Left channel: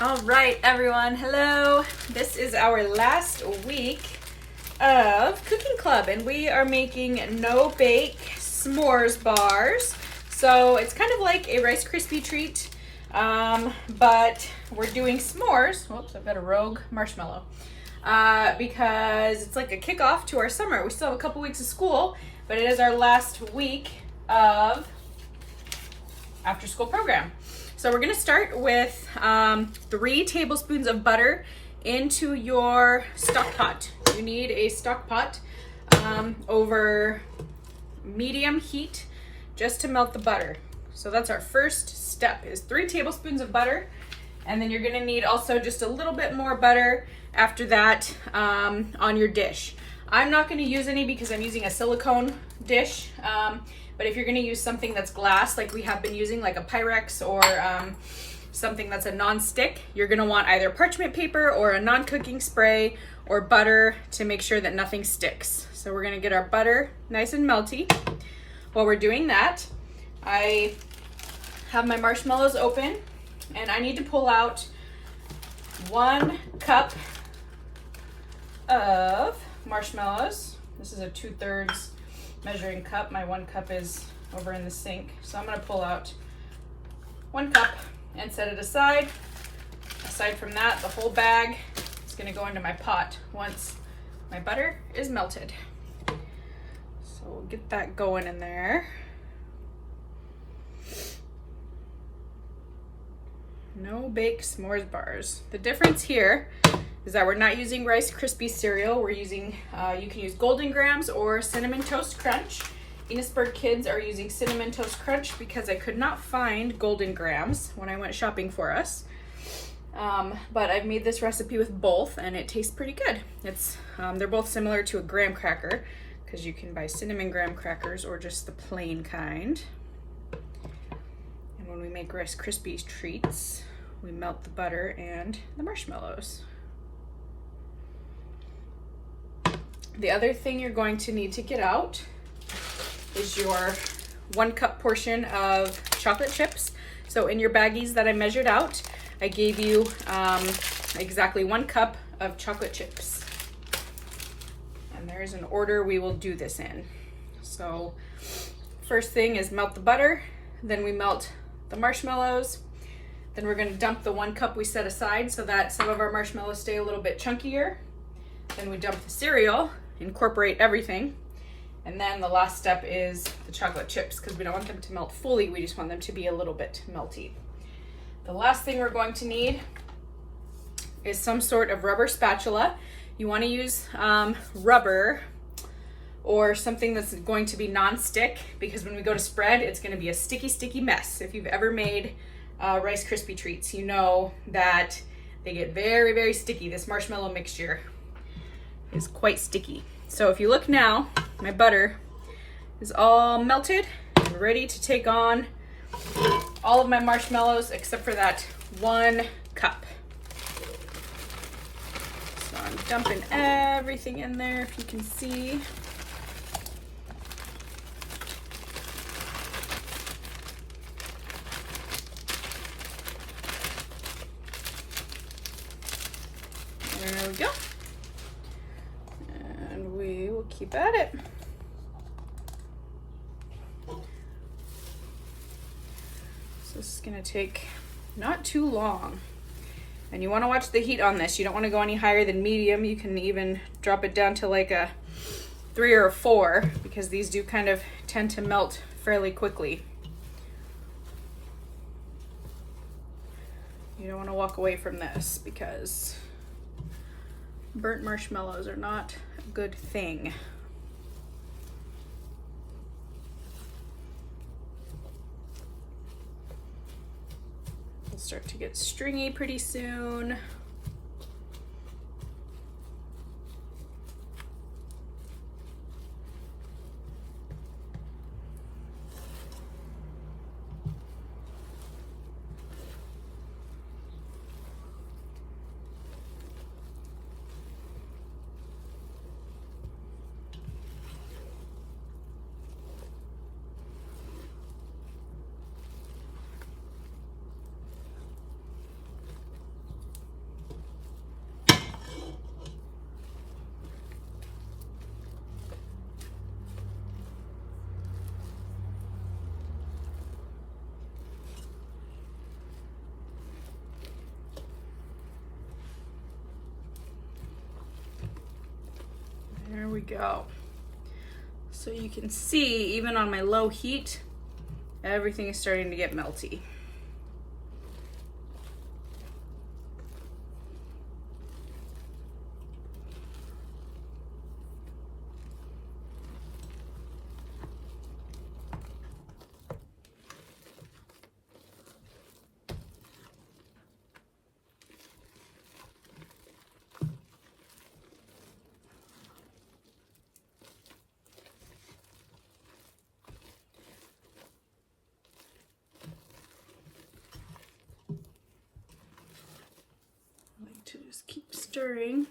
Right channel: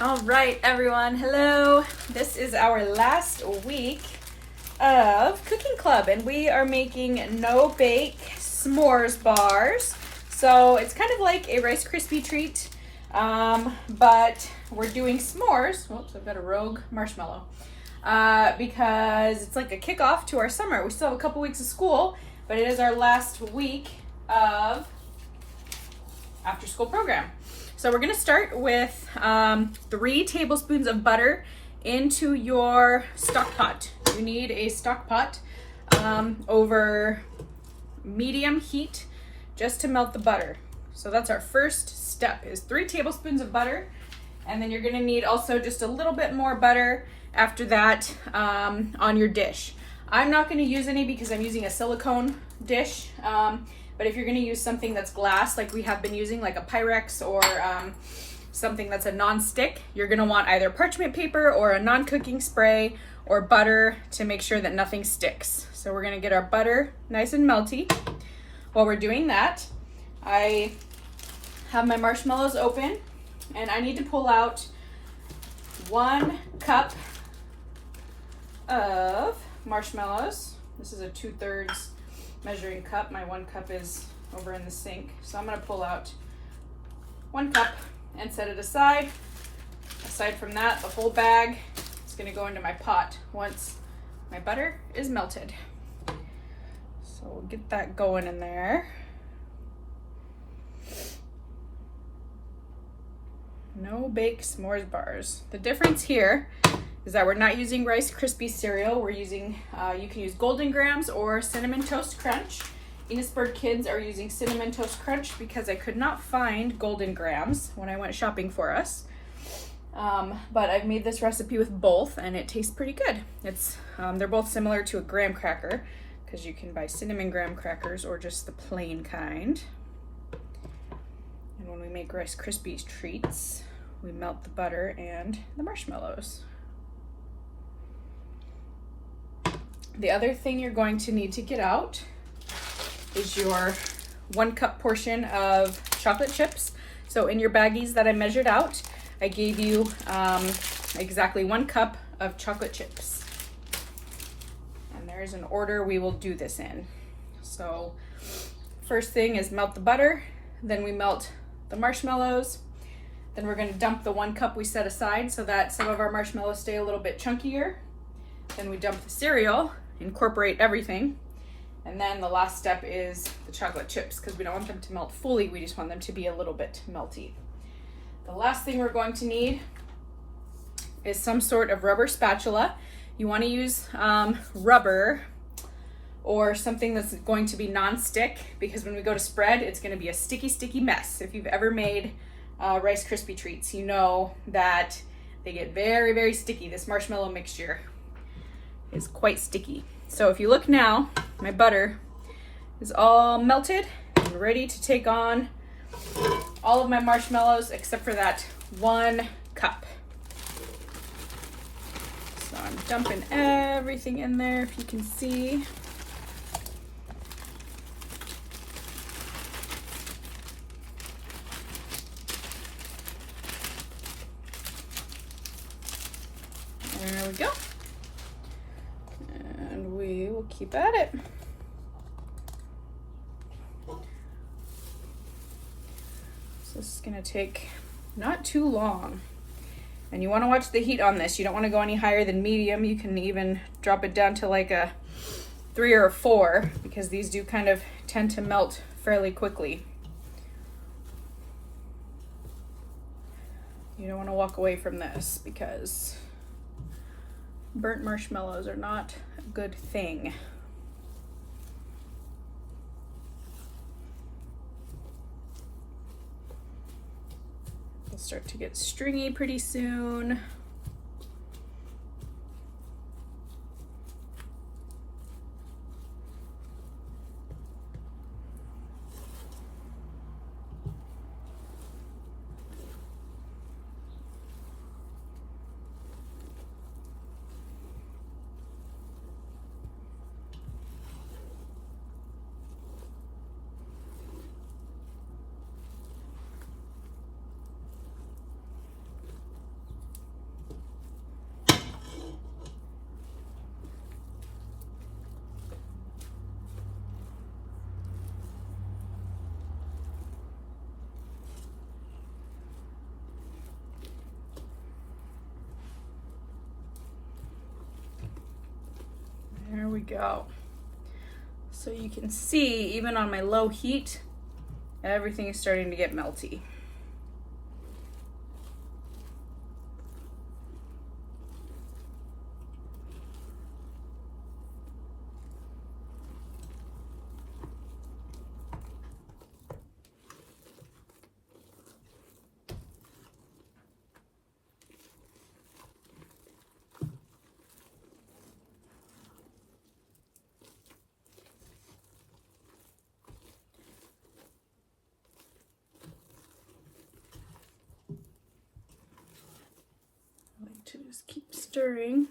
All right, everyone. Hello. This is our last week of Cooking Club, and we are making no-bake s'mores bars. So it's kind of like a Rice Krispie treat, but we're doing s'mores. Whoops, I've got a rogue marshmallow. Because it's like a kickoff to our summer. We still have a couple weeks of school, but it is our last week of after-school program. So we're gonna start with 3 tablespoons of butter into your stock pot. You need a stock pot over medium heat just to melt the butter. So that's our first step, is 3 tablespoons of butter. And then you're gonna need also just a little bit more butter after that on your dish. I'm not gonna use any because I'm using a silicone dish. But if you're gonna use something that's glass, like we have been using, like a Pyrex or something that's a non-stick, you're gonna want either parchment paper or a non-cooking spray or butter to make sure that nothing sticks. So we're gonna get our butter nice and melty. While we're doing that, I have my marshmallows open and I need to pull out 1 cup of marshmallows. This is a 2/3 measuring cup. My 1 cup is over in the sink. So I'm gonna pull out 1 cup and set it aside. Aside from that, the whole bag is gonna go into my pot once my butter is melted. So we'll get that going in there. No bake s'mores bars. The difference here is that we're not using Rice Krispie cereal. We're using, you can use Golden Grams or Cinnamon Toast Crunch. Enosburg kids are using Cinnamon Toast Crunch because I could not find Golden Grams when I went shopping for us. But I've made this recipe with both and it tastes pretty good. It's they're both similar to a graham cracker because you can buy cinnamon graham crackers or just the plain kind. And when we make Rice Krispies treats, we melt the butter and the marshmallows. The other thing you're going to need to get out is your 1 cup portion of chocolate chips. So in your baggies that I measured out, I gave you exactly 1 cup of chocolate chips. And there's an order we will do this in. So first thing is melt the butter, then we melt the marshmallows, then we're gonna dump the 1 cup we set aside so that some of our marshmallows stay a little bit chunkier. Then we dump the cereal, incorporate everything, and then the last step is the chocolate chips because we don't want them to melt fully, we just want them to be a little bit melty. The last thing we're going to need is some sort of rubber spatula. You want to use rubber or something that's going to be non-stick because when we go to spread, it's going to be a sticky mess. If you've ever made Rice Krispie treats, you know that they get very, very sticky. This marshmallow mixture is quite sticky. So if you look now, my butter is all melted and ready to take on all of my marshmallows except for that 1 cup. So I'm dumping everything in there, if you can see. There we go. We'll keep at it. So this is gonna take not too long. And you wanna watch the heat on this. You don't wanna go any higher than medium. You can even drop it down to like a 3 or a 4 because these do kind of tend to melt fairly quickly. You don't wanna walk away from this because burnt marshmallows are not a good thing. It'll start to get stringy pretty soon. we go. So you can see, even on my low heat, everything is starting to get melty. To just keep stirring.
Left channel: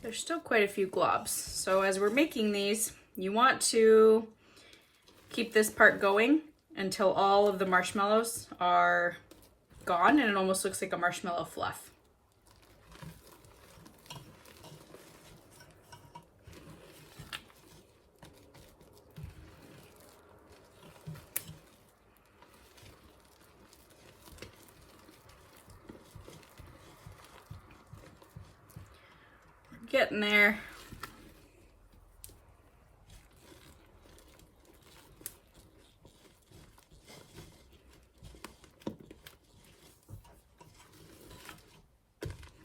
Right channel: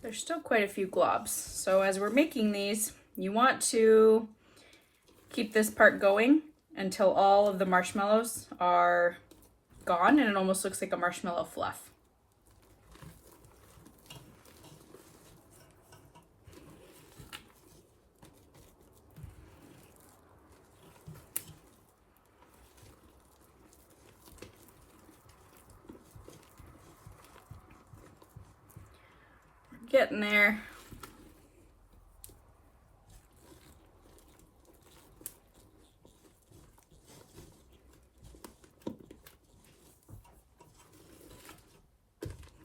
There's still quite a few globs. So as we're making these, you want to keep this part going until all of the marshmallows are gone and it almost looks like a marshmallow fluff. Getting there.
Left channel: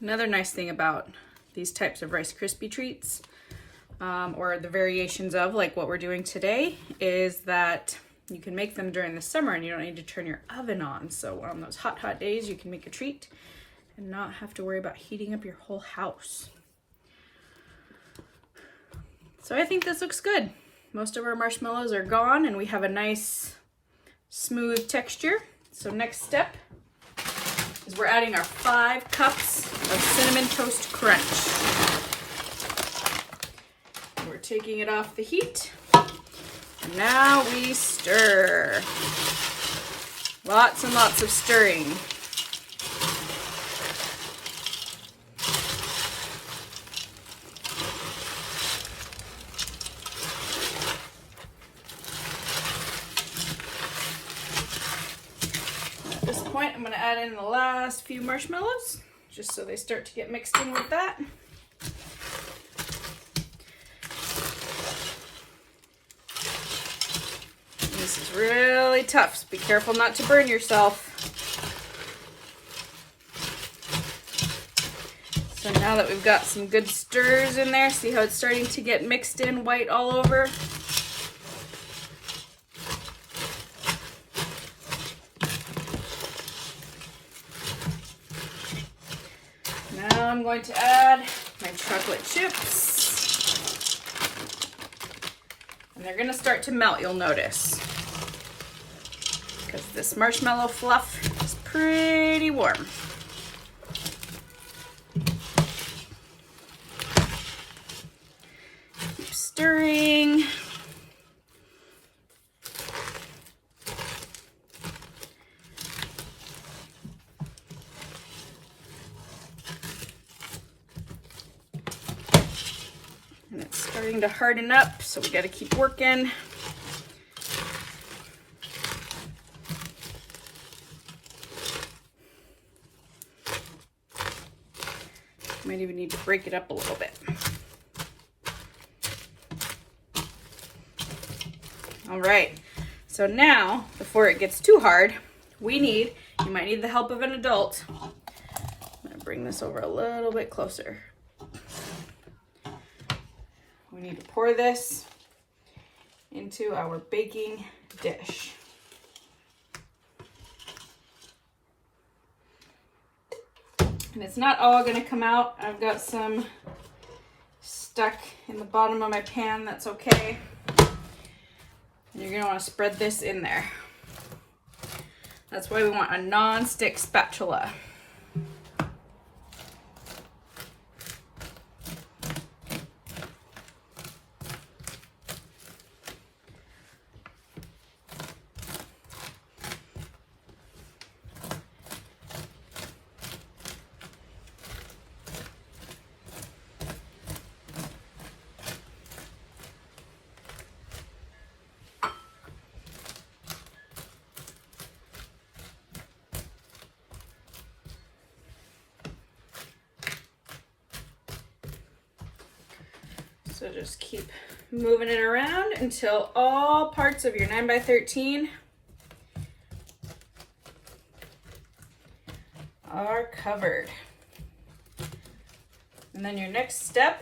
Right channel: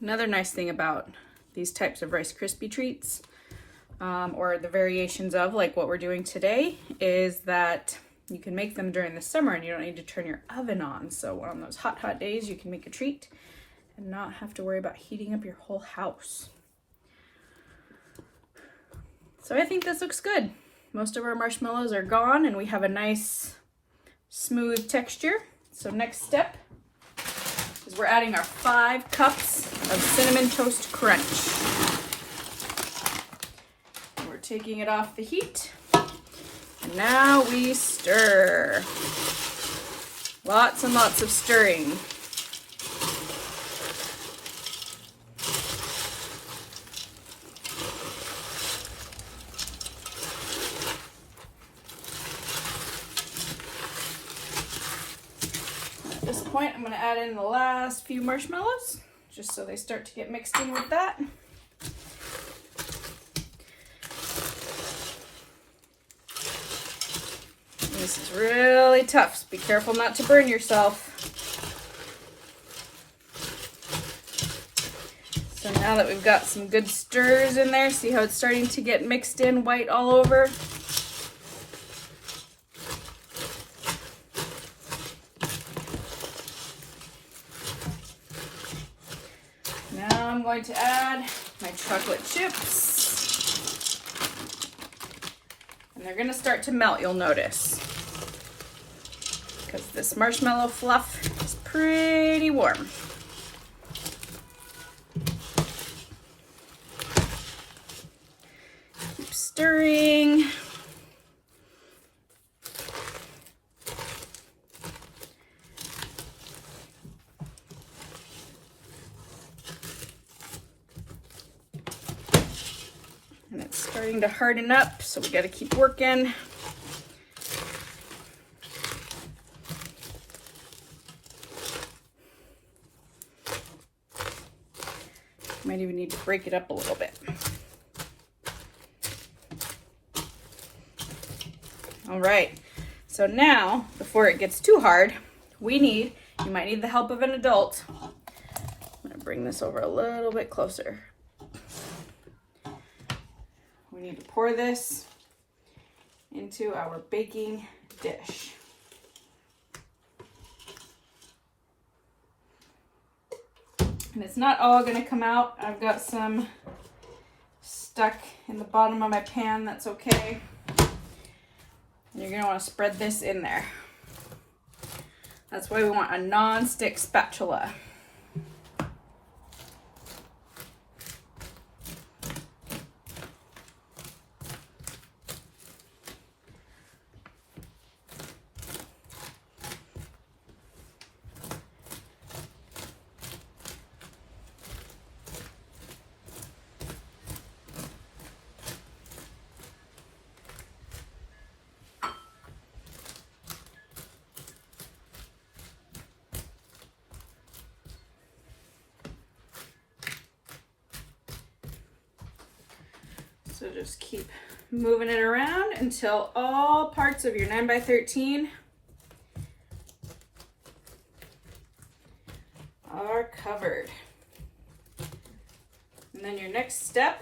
Another nice thing about these types of Rice Krispie treats, or the variations of like what we're doing today, is that you can make them during the summer and you don't need to turn your oven on. So on those hot days, you can make a treat and not have to worry about heating up your whole house. So I think this looks good. Most of our marshmallows are gone and we have a nice smooth texture. So next step is we're adding our 5 cups of Cinnamon Toast Crunch. We're taking it off the heat. Now we stir. Lots and lots of stirring. I'm going to add in the last few marshmallows just so they start to get mixed in with that. This is really tough, so be careful not to burn yourself. So now that we've got some good stirs in there, see how it's starting to get mixed in white all over? Now I'm going to add my chocolate chips. And they're going to start to melt, you'll notice. Because this marshmallow fluff is pretty warm. Keep stirring. To harden up, so we got to keep working. Might even need to break it up a little bit. All right, so now before it gets too hard, you might need the help of an adult. I'm gonna bring this over a little bit closer. We need to pour this into our baking dish. And it's not all going to come out. I've got some stuck in the bottom of my pan. That's okay. And you're going to want to spread this in there. That's why we want a non-stick spatula. So just keep moving it around until all parts of your 9x13 are covered. And then your next step,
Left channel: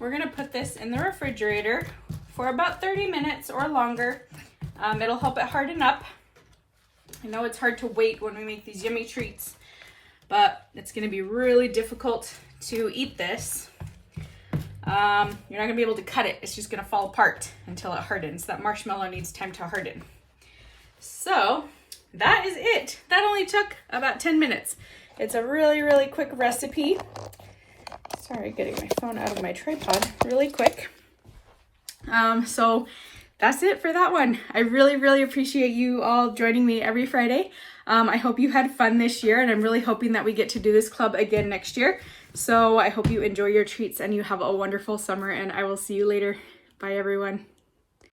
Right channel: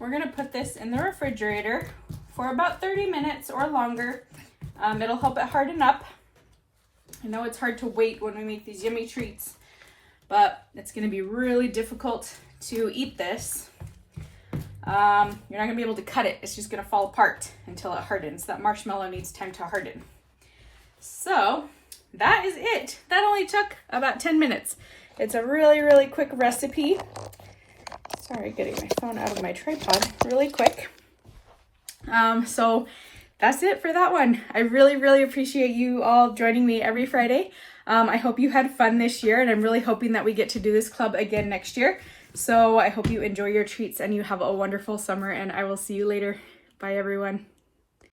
we're gonna put this in the refrigerator for about 30 minutes or longer. It'll help it harden up. I know it's hard to wait when we make these yummy treats, but it's gonna be really difficult to eat this. You're not gonna be able to cut it. It's just gonna fall apart until it hardens. That marshmallow needs time to harden. So that is it. That only took about 10 minutes. It's a really, really quick recipe. Sorry, getting my phone out of my tripod really quick. So that's it for that one. I really, really appreciate you all joining me every Friday. I hope you had fun this year, and I'm really hoping that we get to do this club again next year. So I hope you enjoy your treats and you have a wonderful summer, and I will see you later. Bye, everyone.